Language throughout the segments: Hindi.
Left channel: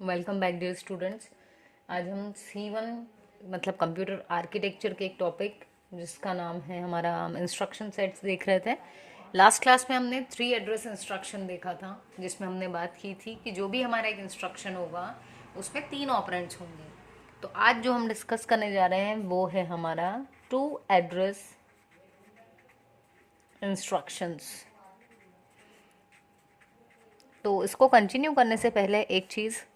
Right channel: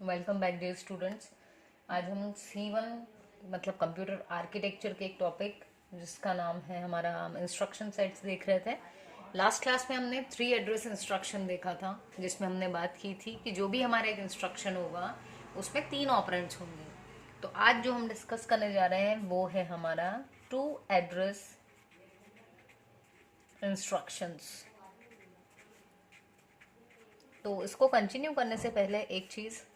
Welcome back dear students. आज हम C1 मतलब कंप्यूटर आर्किटेक्चर के एक टॉपिक जिसका नाम है हमारा इंस्ट्रक्शन सेट्स देख रहे थे। लास्ट क्लास में हमने 3 एड्रेस इंस्ट्रक्शन देखा था, जिसमें हमने बात की थी कि जो भी हमारा एक इंस्ट्रक्शन होगा उसमें 3 ऑपरेंड्स होंगे। तो आज जो हम डिस्कस करने जा रहे हैं वो है हमारा 2 एड्रेस इंस्ट्रक्शंस। तो इसको कंटिन्यू करने से पहले एक चीज़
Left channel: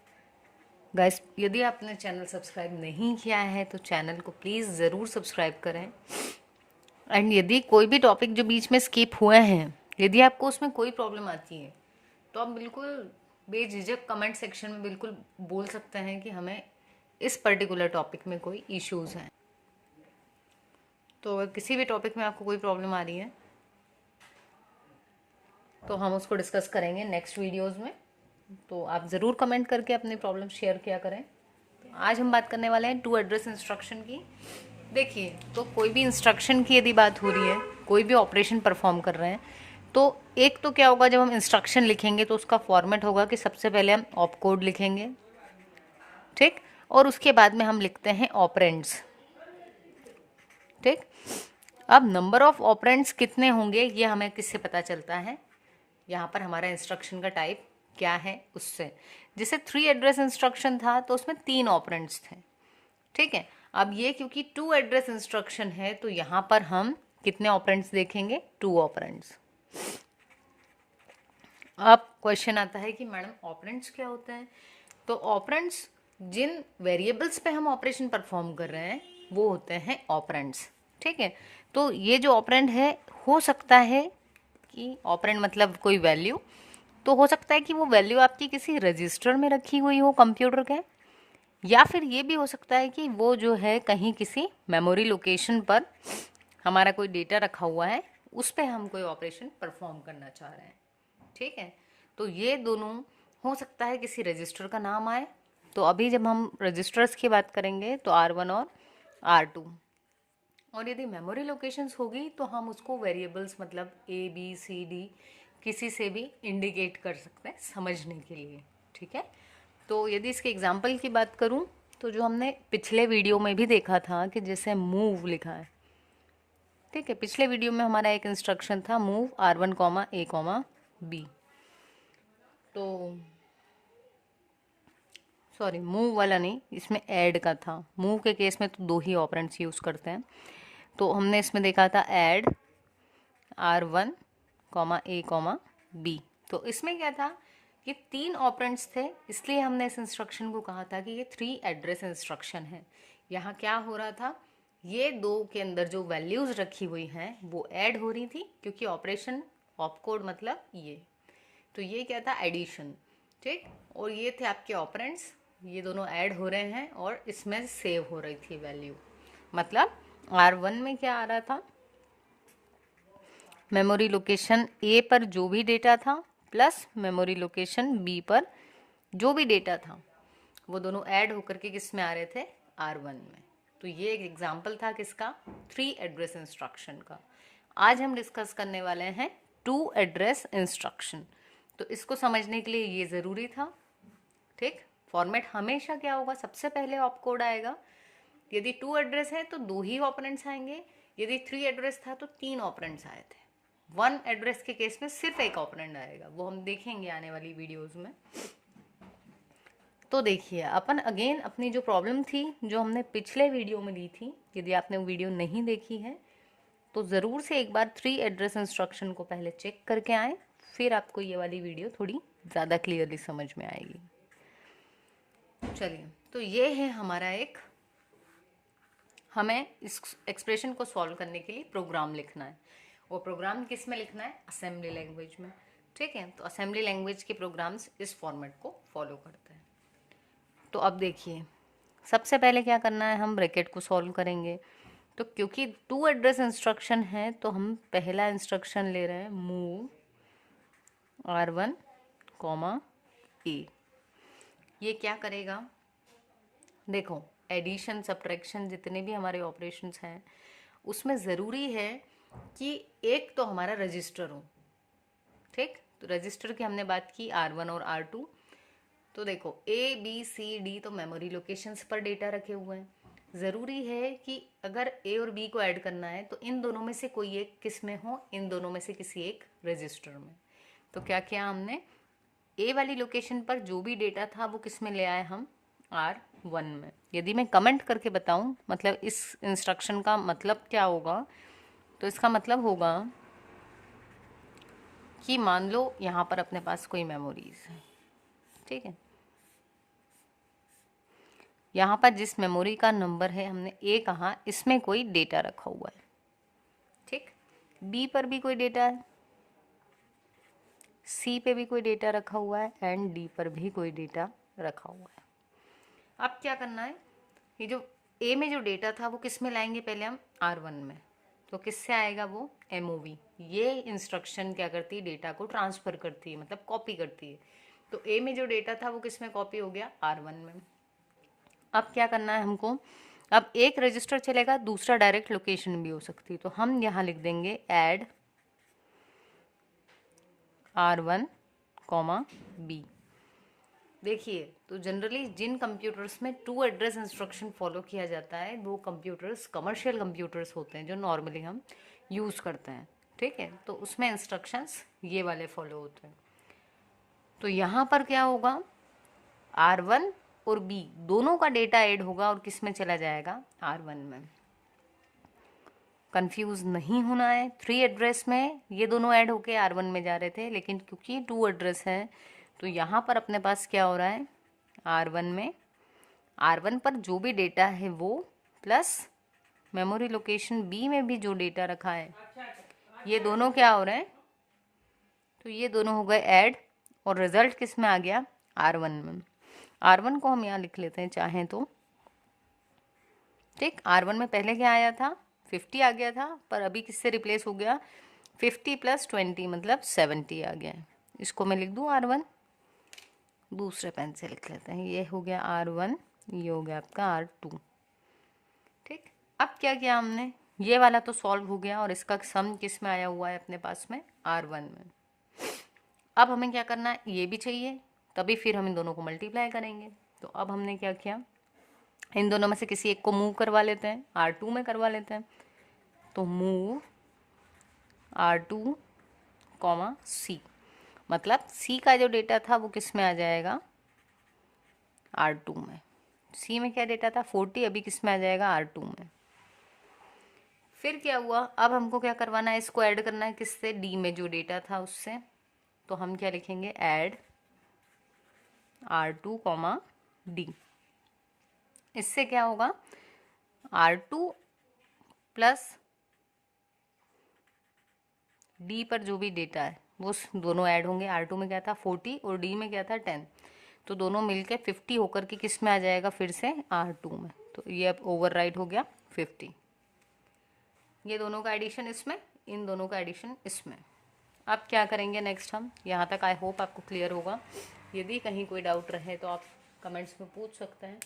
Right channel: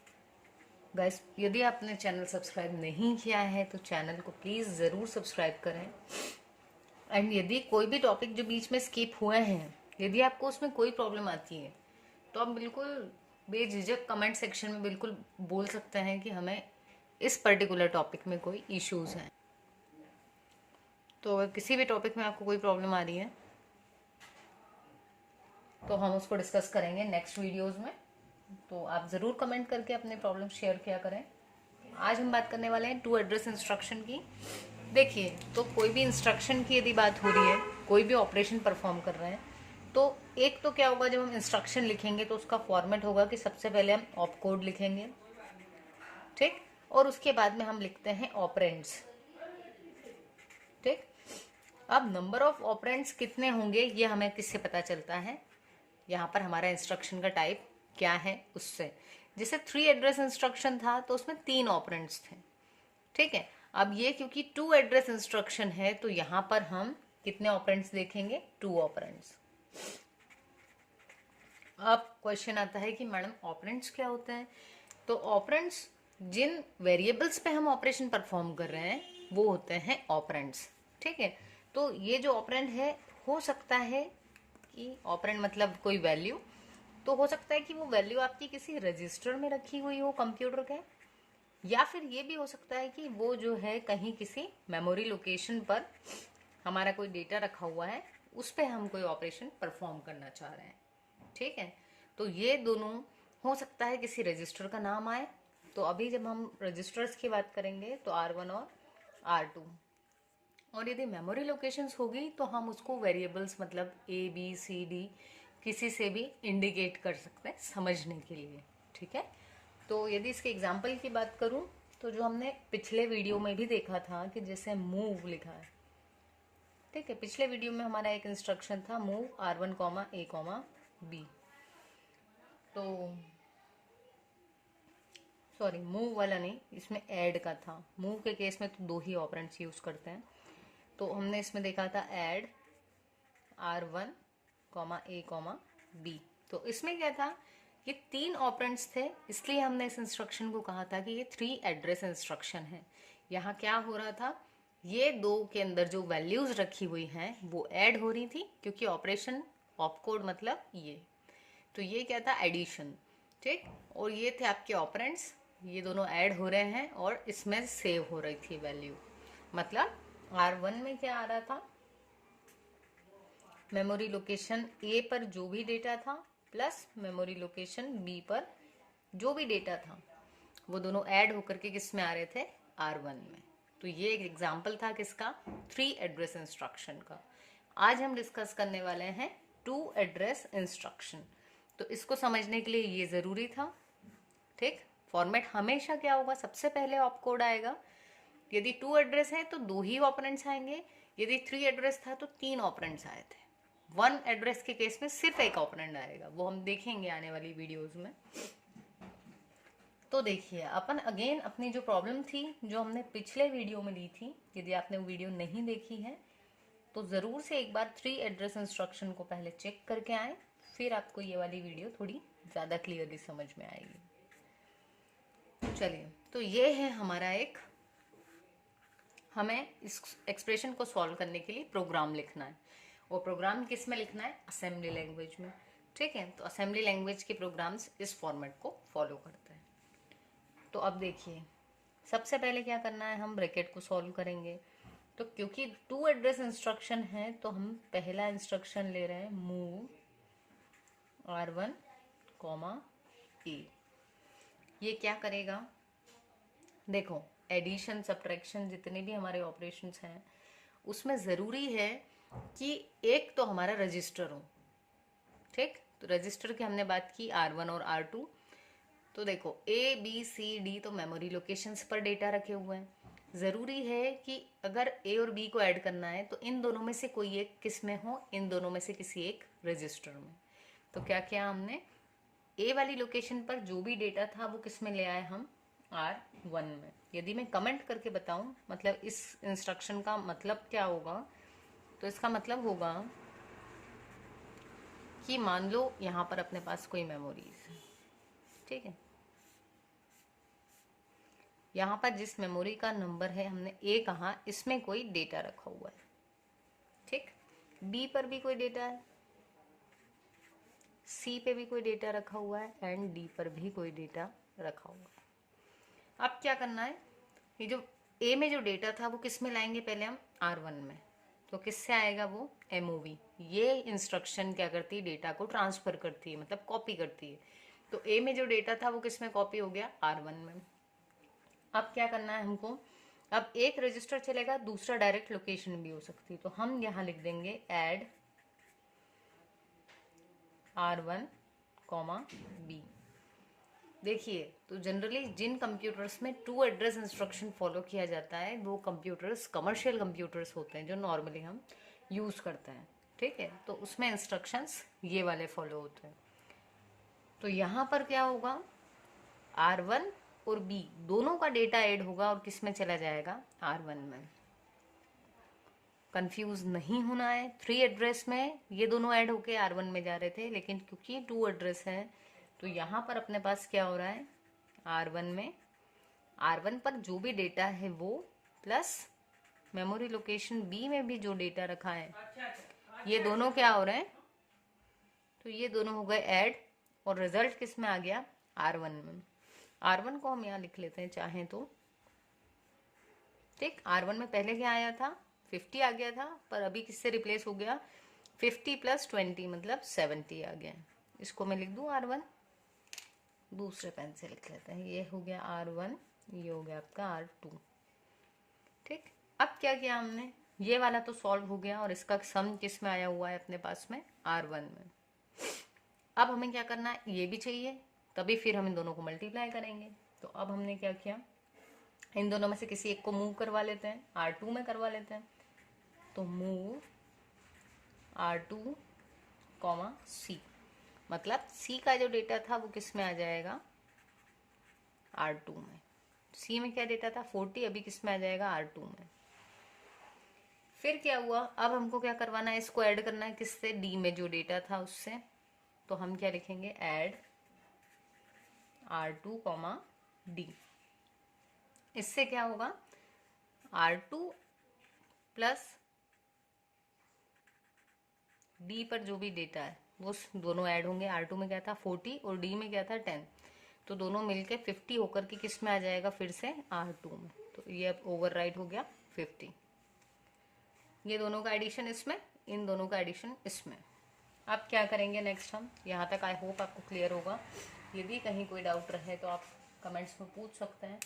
गाइस, यदि आपने चैनल सब्सक्राइब नहीं किया है तो चैनल को प्लीज़ ज़रूर सब्सक्राइब करें। एंड यदि कोई भी टॉपिक जो बीच में स्किप हुए हैं, यदि आपको उसमें कोई प्रॉब्लम आती है तो आप बिल्कुल बेझिझक कमेंट सेक्शन में बिल्कुल बोल सकते हैं कि हमें इस पर्टिकुलर टॉपिक में कोई इश्यूज़ हैं। तो अगर किसी भी टॉपिक में आपको कोई प्रॉब्लम आ रही है तो हम उसको डिस्कस करेंगे नेक्स्ट वीडियोज़ में। तो आप ज़रूर कमेंट करके अपनी प्रॉब्लम शेयर किया करें। आज हम बात करने वाले हैं 2 एड्रेस इंस्ट्रक्शन की। देखिए, तो कोई भी इंस्ट्रक्शन की यदि बात हो रही है, कोई भी ऑपरेशन परफॉर्म कर रहे हैं, तो एक तो क्या होगा, जब हम इंस्ट्रक्शन लिखेंगे तो उसका फॉर्मेट होगा कि सबसे पहले हम ऑप कोड लिखेंगे, ठीक, और उसके बाद में हम लिखते हैं ऑपरेंड्स, ठीक। अब नंबर ऑफ ऑपरेंड्स कितने होंगे ये हमें किससे पता चलता है, यहाँ पर हमारा इंस्ट्रक्शन का टाइप क्या है उससे। जैसे 3 एड्रेस इंस्ट्रक्शन था तो उसमें 3 ऑपरेंड्स थे, ठीक है। अब ये क्योंकि 2 एड्रेस इंस्ट्रक्शन है तो यहाँ पर हम कितने ऑपरेंड्स देखेंगे, 2 ऑपरेंड्स। अब क्वेश्चन आता है कि मैडम ऑपरेंड्स क्या होता है। तो ऑपरेंड्स जिन वेरिएबल्स पे हम ऑपरेशन परफॉर्म कर रहे हैं वो होते हैं ऑपरेंड्स, ठीक है। तो ये जो ऑपरेंड है, हो सकता है कि ऑपरेंड मतलब कोई वैल्यू, तो हो सकता है कि वो वैल्यू आपकी किसी रजिस्टर में रखी हुई हो कंप्यूटर के, या फिर ये भी हो सकता है कि वो जो है कहीं किसी मेमोरी लोकेशन पर हमारा कोई डेटा रखा हुआ है, उस पर हम कोई ऑपरेशन परफॉर्म करना चाह रहे हैं, ठीक है। तो ये दोनों हो सकता है किसी रजिस्टर का नाम आए। तो अभी जब हम रजिस्टर्स की बात करेंगे तो R1 और R2, और यदि मेमोरी लोकेशंस होगी तो हम उसको वेरिएबल्स मतलब ABCD किसी से भी इंडिकेट कर सकते हैं समझने के लिए, ठीक है। तो यदि इसके एग्जाम्पल की बात करूं तो जो हमने पिछले वीडियो में भी देखा था कि जैसे मूव लिखा है, ठीक है। पिछले वीडियो में हमारा एक इंस्ट्रक्शन था मूव R1, A, B। तो सॉरी, मूव वाला नहीं, इसमें ऐड का था। मूव के केस में तो 2 ही ऑपरेंड्स यूज़ करते हैं। तो हमने इसमें देखा था ऐड R1, A, B। तो इसमें क्या था कि 3 ऑपरेंड्स थे, इसलिए हमने इस इंस्ट्रक्शन को कहा था कि ये 3 एड्रेस इंस्ट्रक्शन है। यहाँ क्या हो रहा था, ये 2 के अंदर जो वैल्यूज रखी हुई हैं वो ऐड हो रही थी, क्योंकि ऑपरेशन ऑप कोड मतलब ये, तो ये क्या था, एडिशन, ठीक। और ये थे आपके ऑपरेंड्स, ये दोनों ऐड हो रहे हैं और इसमें सेव हो रही थी वैल्यू। मतलब R1 में क्या आ रहा था, मेमोरी लोकेशन A पर जो भी डेटा था प्लस मेमोरी लोकेशन B पर जो भी डेटा था, वो दोनों ऐड होकर के किस में आ रहे थे, R1 में। तो ये एक एग्जाम्पल था किसका, 3 एड्रेस इंस्ट्रक्शन का। आज हम डिस्कस करने वाले हैं 2 एड्रेस इंस्ट्रक्शन। तो इसको समझने के लिए ये ज़रूरी था, ठीक। फॉर्मेट हमेशा क्या होगा, सबसे पहले ऑप कोड आएगा। यदि 2 एड्रेस है तो 2 ही ऑपरेंड्स आएंगे, यदि 3 एड्रेस था तो 3 ऑपरेंड्स आए थे। 1 एड्रेस के केस में सिर्फ एक ऑपरेंड आएगा, वो हम देखेंगे आने वाली वीडियोस में। तो देखिए, अपन अगेन अपनी जो प्रॉब्लम थी जो हमने पिछले वीडियो में ली थी, यदि आपने वो वीडियो नहीं देखी है तो ज़रूर से एक बार 3 एड्रेस इंस्ट्रक्शन को पहले चेक करके आए, फिर आपको ये वाली वीडियो थोड़ी ज़्यादा क्लियरली समझ में आएगी। चलिए, तो ये है हमारा एक, हमें इस एक्सप्रेशन को सॉल्व करने के लिए प्रोग्राम लिखना है। वो प्रोग्राम किस में लिखना है, असेंबली लैंग्वेज में, ठीक है। तो असेंबली लैंग्वेज के प्रोग्राम्स इस फॉर्मेट को फॉलो करते हैं। तो अब देखिए, सबसे पहले क्या करना है, हम ब्रैकेट को सॉल्व करेंगे। तो क्योंकि 2 एड्रेस इंस्ट्रक्शन है तो हम पहला इंस्ट्रक्शन ले रहे हैं मूव R1, A। ये क्या करेगा, देखो, एडिशन सब्ट्रैक्शन जितने भी हमारे ऑपरेशंस हैं उसमें ज़रूरी है कि एक तो हमारा रजिस्टर हो, ठीक। तो रजिस्टर की हमने बात की R1 और R2, तो देखो ABCD तो मेमोरी लोकेशंस पर डेटा रखे हुए हैं। ज़रूरी है कि अगर A और B को ऐड करना है तो इन दोनों में से कोई एक किस में हो, इन दोनों में से किसी एक रजिस्टर में। तो क्या किया हमने, A वाली लोकेशन पर जो भी डेटा था वो किस में ले आए हम, R1 में। यदि मैं कमेंट करके बताऊं मतलब इस इंस्ट्रक्शन का मतलब क्या होगा, तो इसका मतलब होगा कि मान लो यहाँ पर अपने पास कोई मेमोरीज है, ठीक है। यहाँ पर जिस मेमोरी का नंबर है हमने A कहा, इसमें कोई डेटा रखा हुआ है, ठीक। B पर भी कोई डेटा है, C पे भी कोई डेटा रखा हुआ है एंड D पर भी कोई डेटा रखा हुआ है। अब क्या करना है, ये जो A में जो डेटा था वो किस में लाएंगे, पहले हम R1 में। तो किससे आएगा वो, MOV। ये इंस्ट्रक्शन क्या करती है, डेटा को ट्रांसफर करती है, मतलब कॉपी करती है। तो A में जो डेटा था वो किस में कॉपी हो गया, R1 में। अब क्या करना है हमको, अब एक रजिस्टर चलेगा, दूसरा डायरेक्ट लोकेशन भी हो सकती है। तो हम यहाँ लिख देंगे ऐड R1, B। देखिए, तो जनरली जिन कंप्यूटर्स में टू एड्रेस इंस्ट्रक्शन फॉलो किया जाता है वो कंप्यूटर्स कमर्शियल कंप्यूटर्स होते हैं जो नॉर्मली हम यूज़ करते हैं, ठीक है। तो उसमें इंस्ट्रक्शंस ये वाले फॉलो होते हैं। तो यहाँ पर क्या होगा, R1 और B दोनों का डेटा ऐड होगा और किस में चला जाएगा, R1 में। कंफ्यूज नहीं होना है, 3 एड्रेस में ये दोनों ऐड होके R1 में जा रहे थे, लेकिन क्योंकि 2 एड्रेस है तो यहाँ पर अपने पास क्या हो रहा है, R1 में, R1 पर जो भी डेटा है वो प्लस मेमोरी लोकेशन B में भी जो डेटा रखा है, ये दोनों क्या हो रहे हैं, तो ये दोनों हो गए ऐड और रिजल्ट किस में आ गया, R1 में। R1 को हम यहाँ लिख लेते हैं चाहें तो, ठीक। R1 में पहले क्या आया था, 50 आ गया था, पर अभी किससे रिप्लेस हो गया, 50 + 20 मतलब 70 आ गया है। इसको मैं लिख दूँ R1, दूसरे पेन से लिख लेते हैं, ये हो गया R1, ये हो गया आपका R2, ठीक। अब क्या किया हमने, ये वाला तो सॉल्व हो गया और इसका सम किस में आया हुआ है अपने पास में, R1 में। अब हमें क्या करना है, ये भी चाहिए, तभी फिर हम इन दोनों को मल्टीप्लाई करेंगे। तो अब हमने क्या किया, इन दोनों में से किसी एक को मूव करवा लेते हैं, R2 में करवा लेते हैं। तो मूव R2, C, मतलब C का जो डेटा था वो किस में आ जाएगा, R2 में। C में क्या डेटा था 40, अभी किस में आ जाएगा, R2 में। फिर क्या हुआ, अब हमको क्या करवाना है, इसको ऐड करना है किससे, D में जो डेटा था उससे। तो हम क्या लिखेंगे, ऐड R2, D। इससे क्या होगा, R2 प्लस D पर जो भी डेटा है वो दोनों ऐड होंगे। R2 में क्या था 40 और D में क्या था 10, तो दोनों मिलके 50 होकर के किस में आ जाएगा, फिर से R2 में। तो ये अब ओवरराइट हो गया 50, ये दोनों का एडिशन इसमें, इन दोनों का एडिशन इसमें। अब क्या करेंगे नेक्स्ट हम, यहाँ तक आई होप आपको क्लियर होगा। यदि कहीं कोई डाउट रहे तो आप कमेंट्स में पूछ सकते हैं।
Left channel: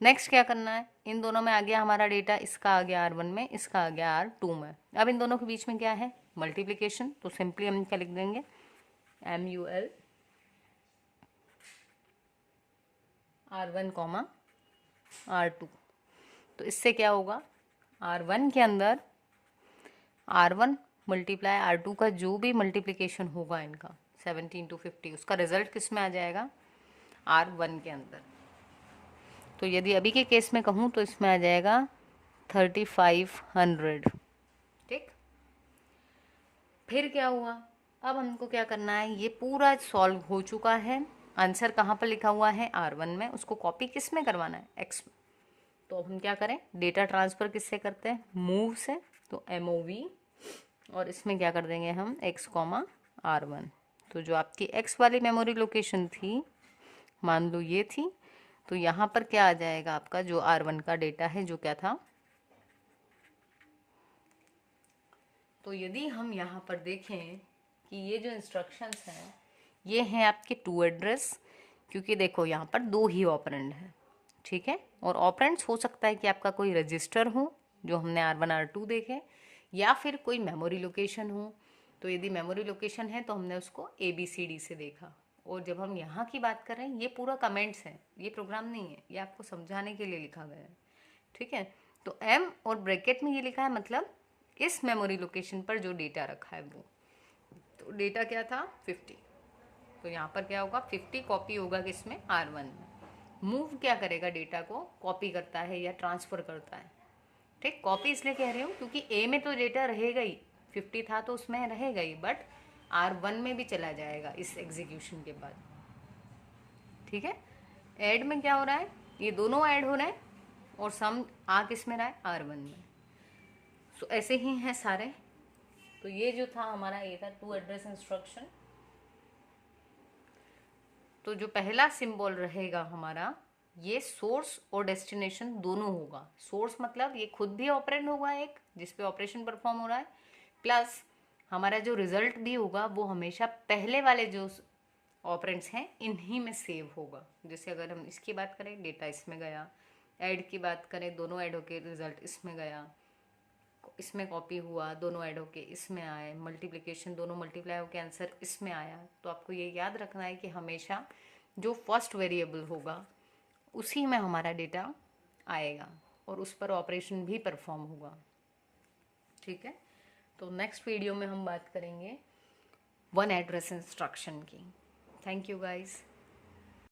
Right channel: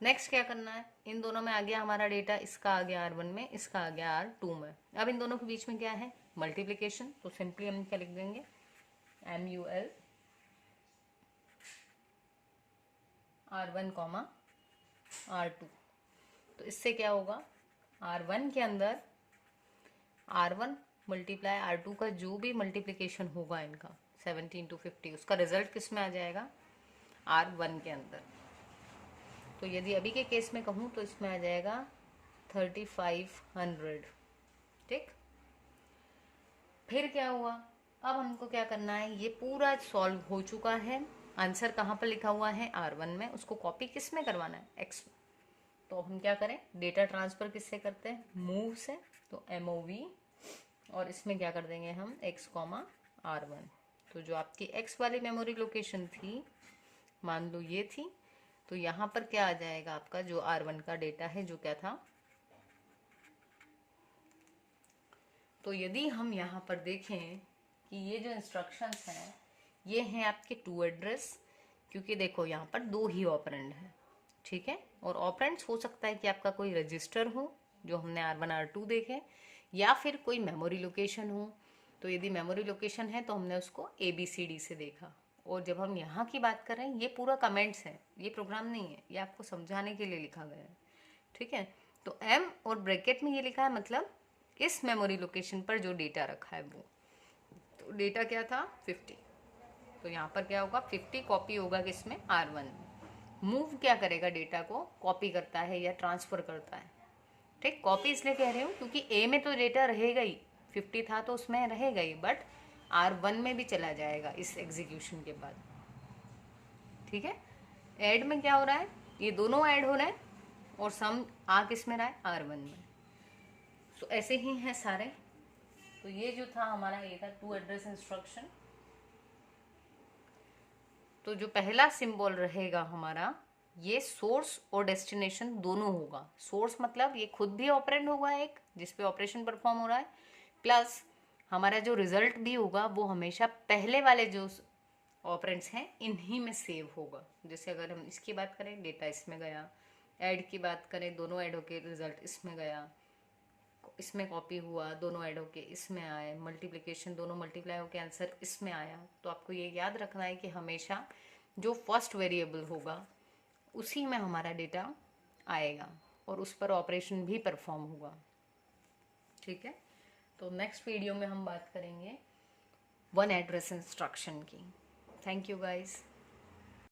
नेक्स्ट क्या करना है, इन दोनों में आ गया हमारा डेटा, इसका आ गया R1 में, इसका आ गया R2 में। अब इन दोनों के बीच में क्या है, मल्टीप्लिकेशन। तो सिंपली हम क्या लिख देंगे, MUL R1, R2। तो इससे क्या होगा, R1 के अंदर R1 मल्टीप्लाई R2 का जो भी मल्टीप्लिकेशन होगा इनका 17 to 50, उसका रिजल्ट किस में आ जाएगा, R1 के अंदर। तो यदि अभी के केस में कहूँ तो इसमें आ जाएगा 3500, ठीक। फिर क्या हुआ, अब हमको क्या करना है, ये पूरा सॉल्व हो चुका है, आंसर कहाँ पर लिखा हुआ है, R1 में। उसको कॉपी किस में करवाना है, X में। तो हम क्या करें, डेटा ट्रांसफ़र किससे करते हैं, मूव से। तो MOV, और इसमें क्या कर देंगे हम, X, R1। तो जो आपकी X वाली मेमोरी लोकेशन थी, मान लो ये थी, तो यहाँ पर क्या आ जाएगा आपका जो R1 का डेटा है, जो क्या था। तो यदि हम यहाँ पर देखें कि ये जो इंस्ट्रक्शंस हैं ये हैं आपके 2 एड्रेस, क्योंकि देखो यहाँ पर 2 ही ऑपरेंड है, ठीक है। और ऑपरेंड्स हो सकता है कि आपका कोई रजिस्टर हो जो हमने R1, R2 देखे, या फिर कोई मेमोरी लोकेशन हो। तो यदि मेमोरी लोकेशन है तो हमने उसको ABCD से देखा, और जब हम यहाँ की बात कर रहे हैं, ये पूरा कमेंट्स है, ये प्रोग्राम नहीं है, ये आपको समझाने के लिए लिखा गया है, ठीक है। तो एम और ब्रैकेट में ये लिखा है, मतलब इस मेमोरी लोकेशन पर जो डेटा रखा है वो, तो डेटा क्या था 50, तो यहाँ पर क्या होगा 50 कॉपी होगा किसमें, R1 में। मूव क्या करेगा, डेटा को कॉपी करता है या ट्रांसफर करता है, ठीक। कॉपी इसलिए कह रही हूँ क्योंकि ए में तो डेटा रहेगा ही, 50 था तो उसमें रहेगा ही, बट R1 में भी चला जाएगा इस एग्जीक्यूशन के बाद, ठीक है। ऐड में क्या हो रहा है, ये दोनों ऐड हो रहा है और सम आ किस में रहा है, R1 में। सो ऐसे ही हैं सारे। तो ये जो था हमारा, ये था टू एड्रेस इंस्ट्रक्शन। तो जो पहला सिंबल रहेगा हमारा, ये सोर्स और डेस्टिनेशन दोनों होगा। सोर्स मतलब ये खुद भी ऑपरेंड होगा एक, जिसपे ऑपरेशन परफॉर्म हो रहा है, प्लस हमारा जो रिजल्ट भी होगा वो हमेशा पहले वाले जो ऑपरेंड्स हैं इन्हीं में सेव होगा। जैसे अगर हम इसकी बात करें, डेटा इसमें गया, ऐड की बात करें, दोनों ऐड होके रिजल्ट इसमें गया, इसमें कॉपी हुआ, दोनों ऐड होके इसमें आए, मल्टीप्लिकेशन दोनों मल्टीप्लाई होके आंसर इसमें आया। तो आपको ये याद रखना है कि हमेशा जो फर्स्ट वेरिएबल होगा उसी में हमारा डेटा आएगा और उस पर ऑपरेशन भी परफॉर्म होगा, ठीक है। तो नेक्स्ट वीडियो में हम बात करेंगे वन एड्रेस इंस्ट्रक्शन की। Thank you guys.